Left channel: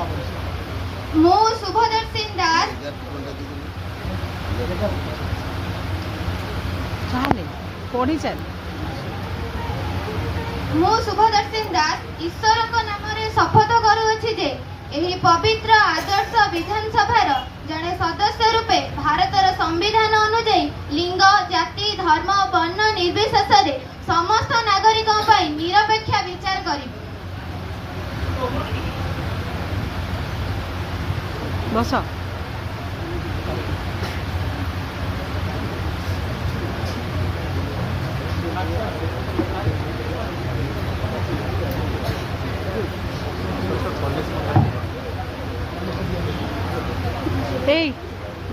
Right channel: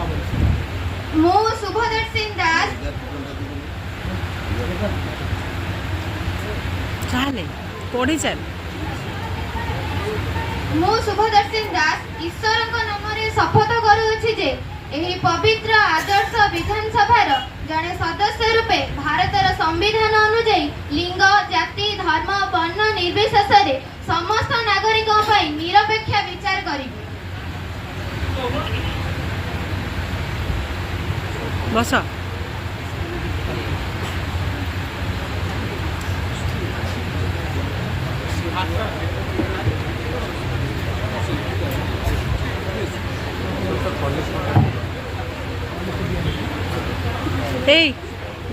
मु शुभदर्शी दास चाले पढ़ी चल मु शुभदर्शी दास ईश्वर नाम शपथ करुछि जे एही पवित्र आदर्श विधानसभा जड़े सदस्य रूपे भारतर संविधान अनुଯାयी लिंग जाति धर्म वर्ण निर्विशेष समस्त नागरिकों पर निरपेक्ष विचार करी बस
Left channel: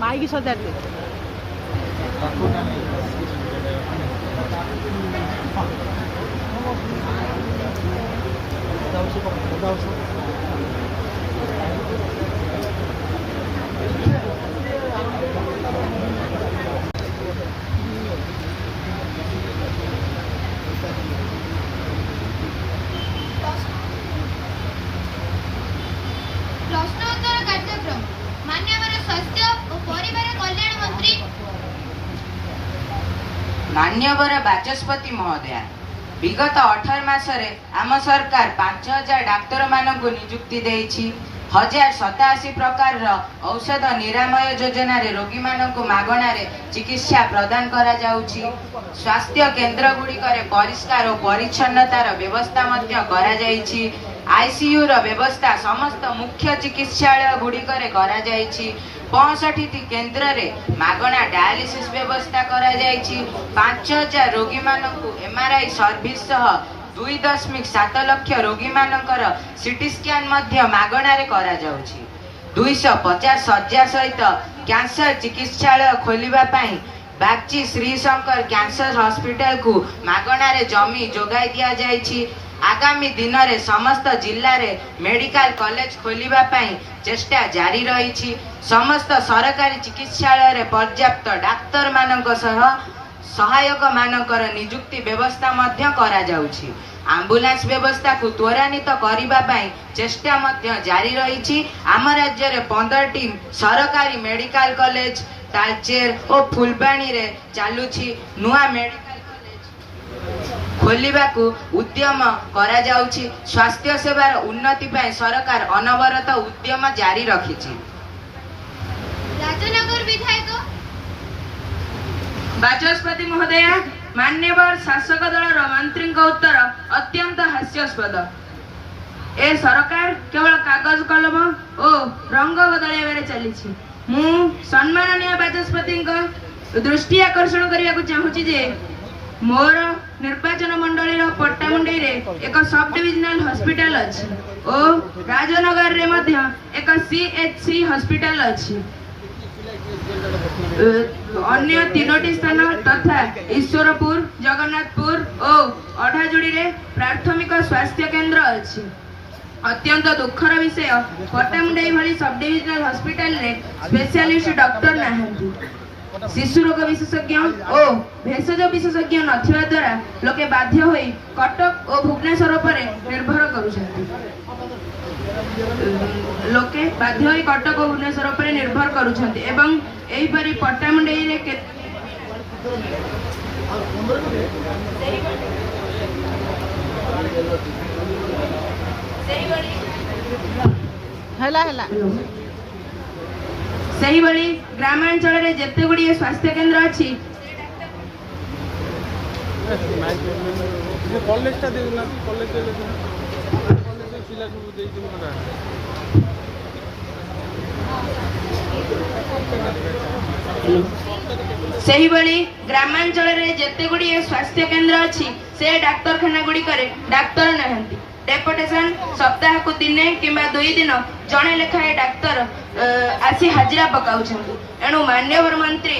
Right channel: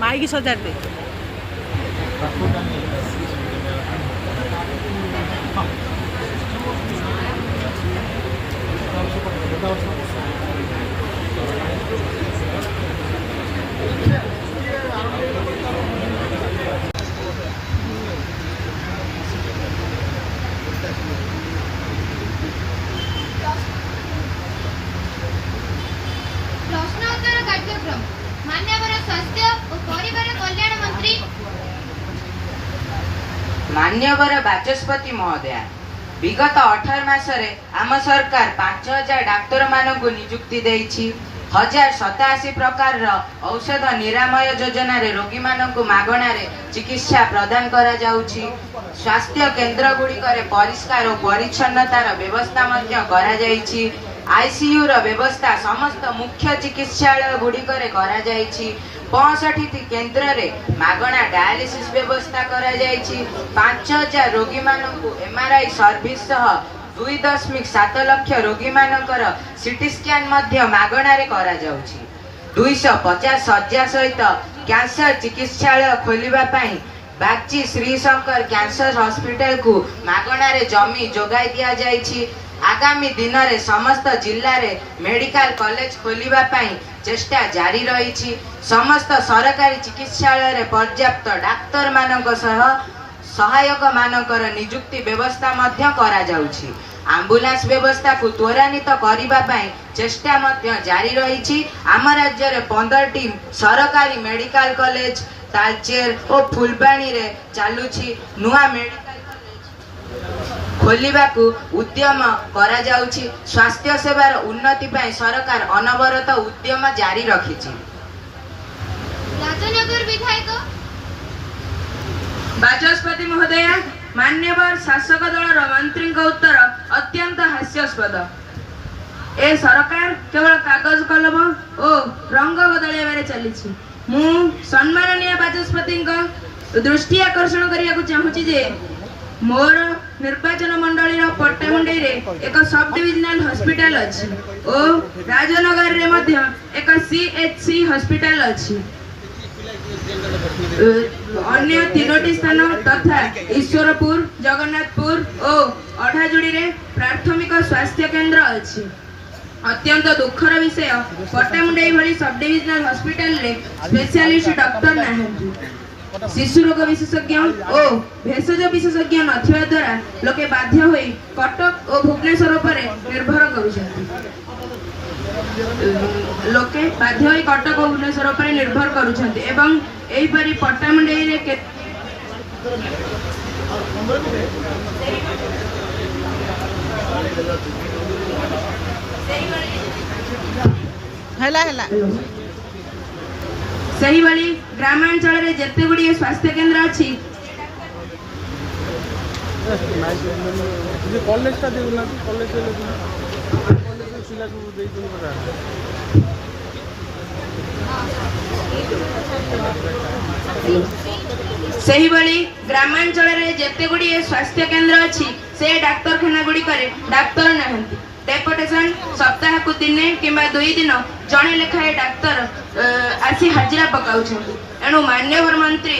माइक सजार दे प्रश्नोत्तर कार्यक्रम माननीय स्वास्थ्य और परिवार कल्याण मंत्री मान्यवर बाचस्पति महोदया विगत 18 मासरे आम सरकार 5000 डाक्तर मानकु नियुक्ति देइछि 1087 प्रकार औषध निरामय योजना रे रोगी मानकु मागणा रे चिकित्सा प्रदान करा जाउछि स्वास्थ्य केन्द्र गुडी करे परिष्कार और परिच्छन्नतार व्यवस्था मध्य करा जाइछि आईसीयू रो व्यवस्था समस्त मुख्य चिकित्सालय गुडी करे करा जाइछि 65 केन्द्र रे मागणा डायलिसिस व्यवस्था करा जाइछि 5000 रोगी मानकु एमआरआई सर्विस सह 2.7 लाख रोगी मानकर सीटी स्कैन मध्य मागणा रे करा जाउछि 250 शଯ୍या सहित कैंसर चिकित्सालय खोलिबा पई बागची श्रीशंकर कैंसर हॉस्पिटल को मागणा रे जमी जोगाई दिया जाइछि आगामी दिन रे समस्त जिल्ला रे मेडिकल कॉलेज खोलिबा पई चेष्टा जारी रहिछि समस्त सरकारी चिकित्सालय रे पर्याप्त डाक्तर मानक सह सहायक मानकर नियुक्ति व्यवस्था मध्य करा जाउछि एम्बुलेंस व्यवस्था को त्वरान्वित करिबा पई चेष्टा मध्य जारी रहिछि आम राज्य रे 15टी सरकारी मेडिकल कॉलेज तालचेर और फुलबाणी रे चालुछि नुआ मेडिकल खोलिबा को उद्यम करा जाउछि स्वास्थ्य सेवार उन्नति पई सरकार अनवरत उद्यम जारी रखिछि राजनगर विधायक बाचस्पति महोदय मान्यवर शासक दल मंत्री उत्तर अत्यंत हास्यास्पद ए सरकार केवल कागज कलम और रंग बदलैबारे चली मु सम्माननीय बाचस्पति दृष्टि आकर्षण करने चाहूँगी जे मोर निर्वाचन मंडली पट्टामुंडई रे एक सब डिविजनल हॉस्पिटल अच्छी और राजनगर रे मध्य एक सीएचसी हॉस्पिटल अच्छी अन्य 3टी स्थान तथा ईश्वरपुर जगन्नाथपुर और अढ़ाजुड़ी रे प्राथमिक स्वास्थ्य केन्द्र अच्छी अत्यंत दुखर विषय पट्टामुंडई भली सब डिविजनल हॉस्पिटल रे स्पेशलिस्ट डॉक्टर नाहंती शिशु रोग विशेषज्ञ और भेषज विशेषज्ञ नथिबा द्वारा लोके बाध्य होई कटक और भुवनेश्वर पर निर्भर करूछंती लोके बाध्य होई कटक और भुवनेश्वर पर निर्भर करूछंती एवं एही परि पट्टामुंडई रे के हला हला सही भली ग्रामांचल रे जेते गुडी स्वास्थ्य केन्द्र अछि सही भली ग्रामांचल रे जेते गुडी स्वास्थ्य केन्द्र अछि से डाक्तरखाना गुडी करे डाक्तर नाहंती डेपुटेशन सप्ताह को दिने किंबा 2 दिन जणे लेखाए डाक्तर आसी हाजिरा पकाउछंती एणु मान्यवर मंत्री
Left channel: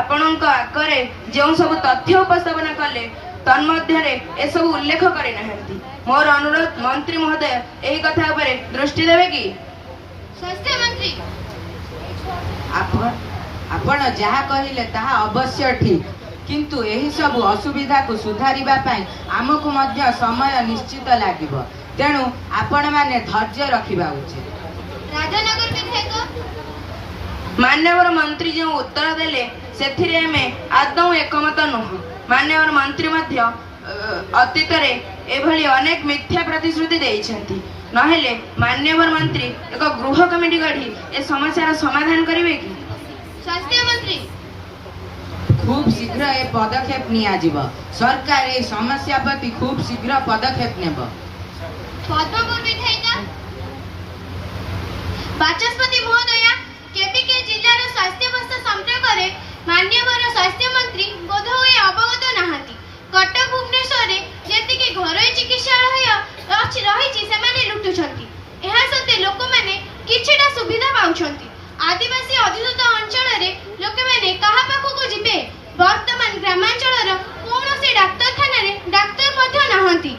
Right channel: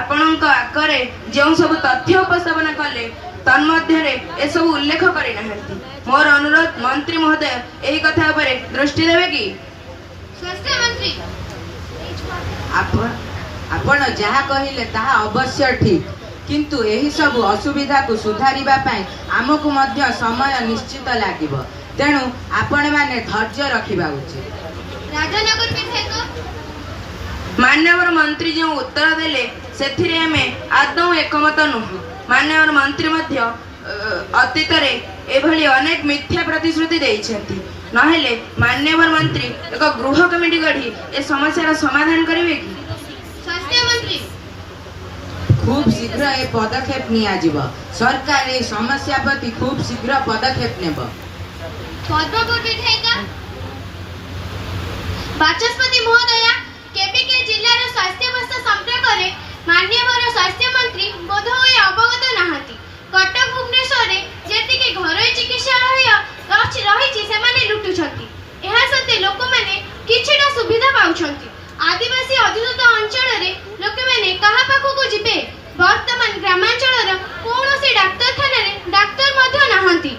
आपणक आकरे जो सब तथ्य उपस्थापन कले तन्मध्य ए सब उल्लेख करे नाहंती मोर अनुरोध मंत्री महोदय एही कथा उपरे दृष्टि देबे की स्वास्थ्य मंत्री आपण जहा कहिले ताहा अवश्य ठीक किंतु एही सब असुविधा को सुधारिबा पई आमकु मध्य समय निश्चित लागिबो तेणु आपण माने धैर्य रखिबा उचित राजानगर विधायक मान्यवर मंत्री जो उत्तर देले सेथिरे आमे आदौ एकमत नुह। मान्यवर मंत्री मध्य अतीत रे एभली अनेक मिथ्या प्रतिश्रुति देइछंती। नहेले मान्यवर मंत्री एक गृह कमिटी गढ़ी ए समस्यार समाधान करिवे कि? स्वास्थ्य मंत्री खूब शीघ्र ए पदक्षेप नियाजिब। सरकार ए समस्या प्रति खूब शीघ्र पदक्षेप नेब। पद्मपुर विधायिका बाचस्पति महोदया केबिके जिल्लार स्वास्थ्य व्यवस्था संपर्क रे मान्यवर स्वास्थ्य मंत्री बोधहुए अवगत नाहांती। कटक भुवनेश्वर जेतिके घरोई चिकित्सालय रहिछि सेमाने लुटुछंती। एहा सते लोक माने किछिटा सुविधा पाउछंती। आदिवासी अधिकृत अंचल रे लोक माने कहा पाखकु जिबे? वर्तमान ग्रामांचलर कोनोसी डाक्तरखाना रे डाक्तर मध्य नाहंती।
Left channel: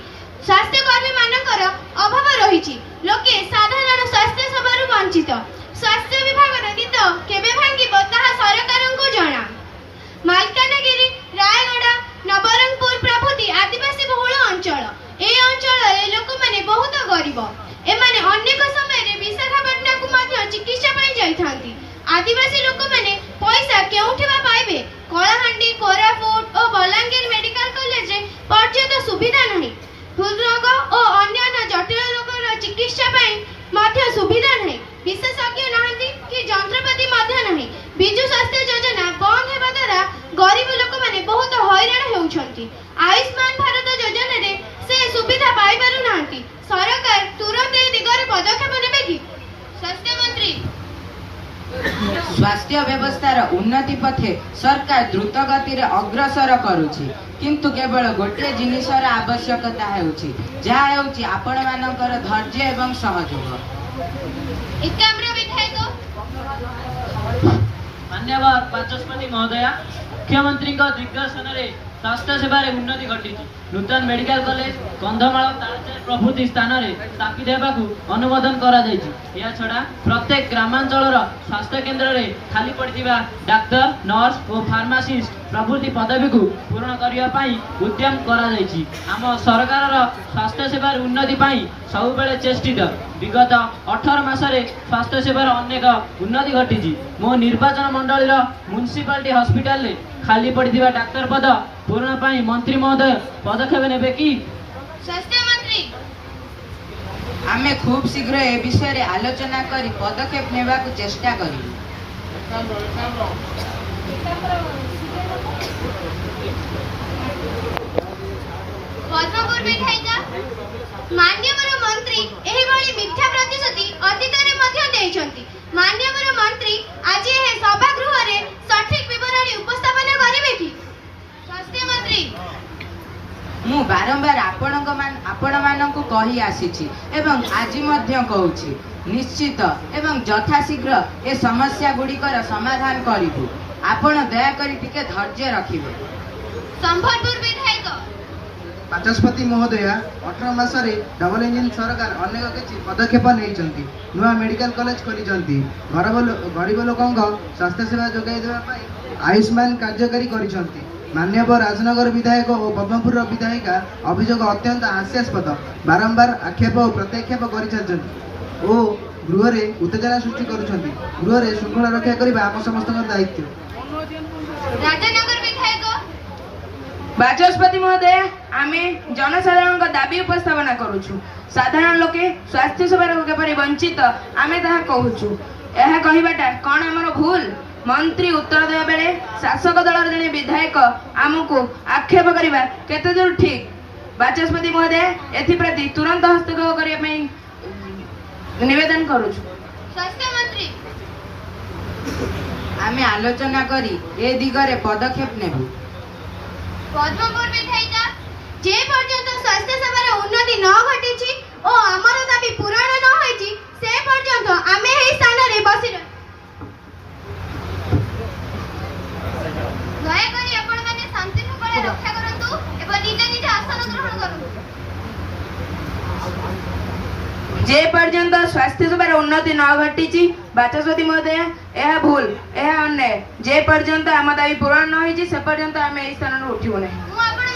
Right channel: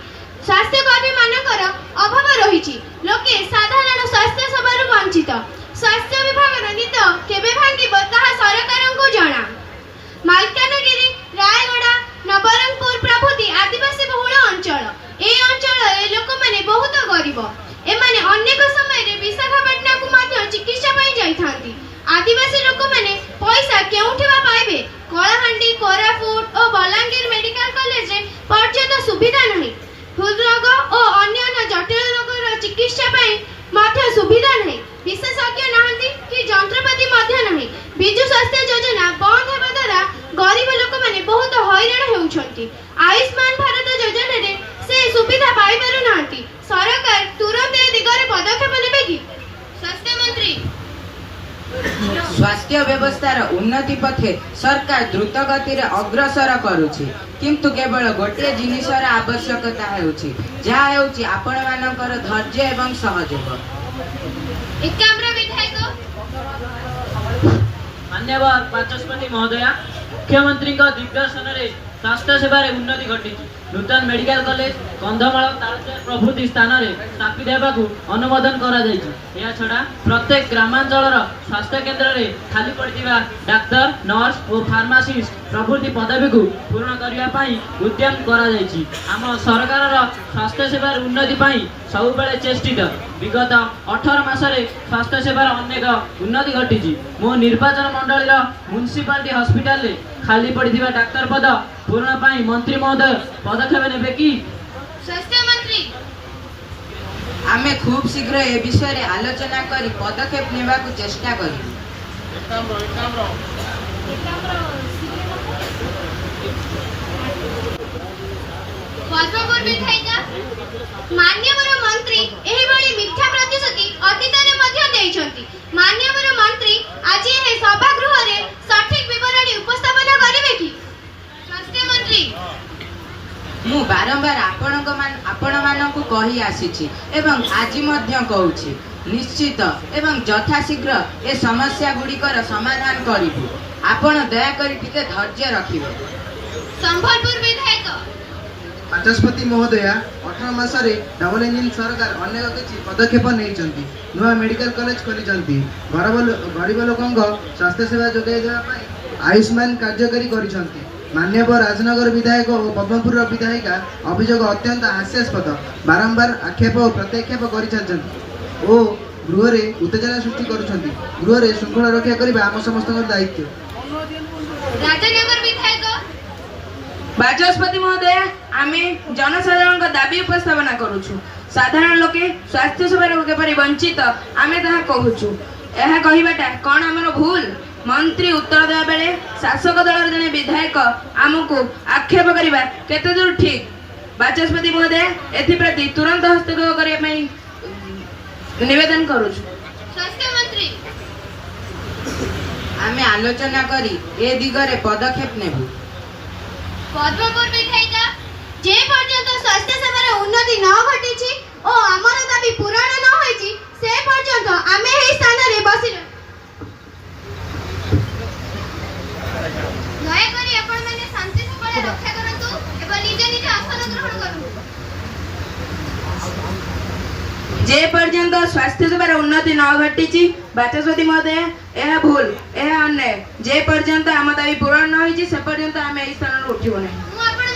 स्वास्थ्य कर्मी मानकर अभाव रहिछि। लोके साधारण स्वास्थ्य सेवारु वंचित। स्वास्थ्य विभागर नीत केबे भांगिबो ताहा सरकारंकु जणा। मालकानगिरी रायगड़ा नवरंगपुर प्रभृति आदिवासी बहुल अंचल ए अंचल लोक माने बहुत गरीब। एमाने अनेक समय रे विशाखापट्टनम को मध्य चिकित्सा पाई जाइथांती। आदिवासी लोक माने पैसा केउठिबा पाइबे? कलाहांडी कोरापुट और बलांगीर मेडिकल कॉलेज रे पर्याप्त सुविधा नहीं। हृदरोग और अन्य जटिल रोगर चिकित्सा पाई मध्य सुविधा नहीं। विशेषज्ञ नाहंती कि यंत्रपाति मध्य नहीं। बिजु स्वास्थ्य योजना बंद हेबा द्वारा गरीब लोक माने बहुत हैरान हेउछंती। आयुष्मान भारत योजना रे से सुविधा पाई पारु नाहंती। सरकार तुरंत ए दिगरे पदक्षेप नेबे कि? स्वास्थ्य मंत्री स्वास्थ्य व्यवस्थार उन्नति पथे सरकार द्रुत गति रे अग्रसर करूछि। किंतु केवल गोटे जिनिसर आवश्यकता हेउछि, जहा हेउछि आपण मानकर धैर्य एवं सहयोग। एकाम्र विधायक मान्यवर बाचस्पति महोदया मुख्यमंत्री दिग्दर्शन रे स्वास्थ्य सेवा रे उन्नति घटी। नूतन मेडिकल कॉलेज कंधमाल तालचेर प्रभृति स्थान रे स्थापित हेबाकू अनुमोदन करा जायछि। या छडा प्रत्येक ग्रामांचलर स्वास्थ्य केन्द्र रे खाली पड़िथिबा डाक्टर नर्स और फार्मासिस्ट प्रभृति पदवी को पूर्ण करिया पाई उद्यम करा जायछि। आम सरकार स्वास्थ्य सेवा रे उन्नति पाई सब बेले चेष्टित। विगत 18 मास रे स्वास्थ्य सेवा अनेक उन्नति घटी। मो निर्वाचन मंडल म्युनिसिपालिटी हॉस्पिटल रे खाली पड़िथिबा डाक्टर पद पूर्ण पाई मंत्री महोदय पदक्षेप नेबे कि? स्वास्थ्य मंत्री आमे खूब शीघ्र ए विषय रे आलोचना करी पदक्षेप नेबाकू चेष्टा करी। पद्मपुर विधायिका मान्यवर मंत्री एही भली मिथ्या प्रतिश्रुति अतीतरे मध्य देइछंती। मान्यवर मंत्री आज ए सभागृह रे सठिक विवरणी उपस्थापन करिवे कि? स्वास्थ्य मंत्री मु बारंबार आपण मानकू कही आसीछि एवं आज मध्य कहूछि, निश्चित एवं यथाशीघ्र ए समस्या गुड़िकर समाधान करिबु। आपण दया करी टिके धैर्य रखिबे। संबलपुर विधायक बाचस्पति महोदया 18 मासरे डबल इंजिन सरकार अनेक किछि पदक्षेप नेइचंती। नुआ मेडिकल कॉलेज खोलिचंती। गरीब लोकंक स्वास्थ्य सेवा जोगाई देबा पई आयुष्मान कार्यकारी करिचंती। मान्यवर राजनगर विधायक और पद्मपुर विधायिका अभियोग अत्यंत हास्यास्पद। बारंबार आक्षेप और प्रत्याक्षेप करिचंती ओ गृह रे उत्तेजना सृष्टि करुचंती। गृह रे श्रृंखला रक्षा करबा आम समस्तकर दायित्व। राजनगर विधायक बाचस्पति महोदय आमे जनसाधारण दाबी उपस्थापना करूछु। साधारण लोके स्वास्थ्य सेवा केपरि वंचित आमे ताहा कहूछु। एहा कहिबाटा कोन हमर भूल? मंत्री उत्तर देवा बेले शासक दल जने विधायक आमको आक्षेप करिबा केते दूर ठीक? बाचस्पति महोदय एथि प्रति तुरंत हस्तक्षेप करिया पई निवेदन करूछु। स्वास्थ्य मंत्री आमे आलोचना करी ए दिगरे पदक्षेप नेबु। पद्मपुर विधायिका जे पर्यंत स्वास्थ्य सेवार उन्नति न घटिछि ओ हमर दाबी पूरण न होइछि से पर्यंत आमे एही स्थान रे बसि दया करी आपण माने शांति शृंखला रक्षा करंतु एवं निज निज आसन ग्रहण करंतु। जे पर्यंत स्वास्थ्य सेवार उन्नति न घटिछि बाचस्पति महोदय यह भूल यह अन्याय। जे पर्यंत आम दाबी पूरण न होइछि से पर्यंत आमे एही स्थान रे उठिबो नै। मु आपण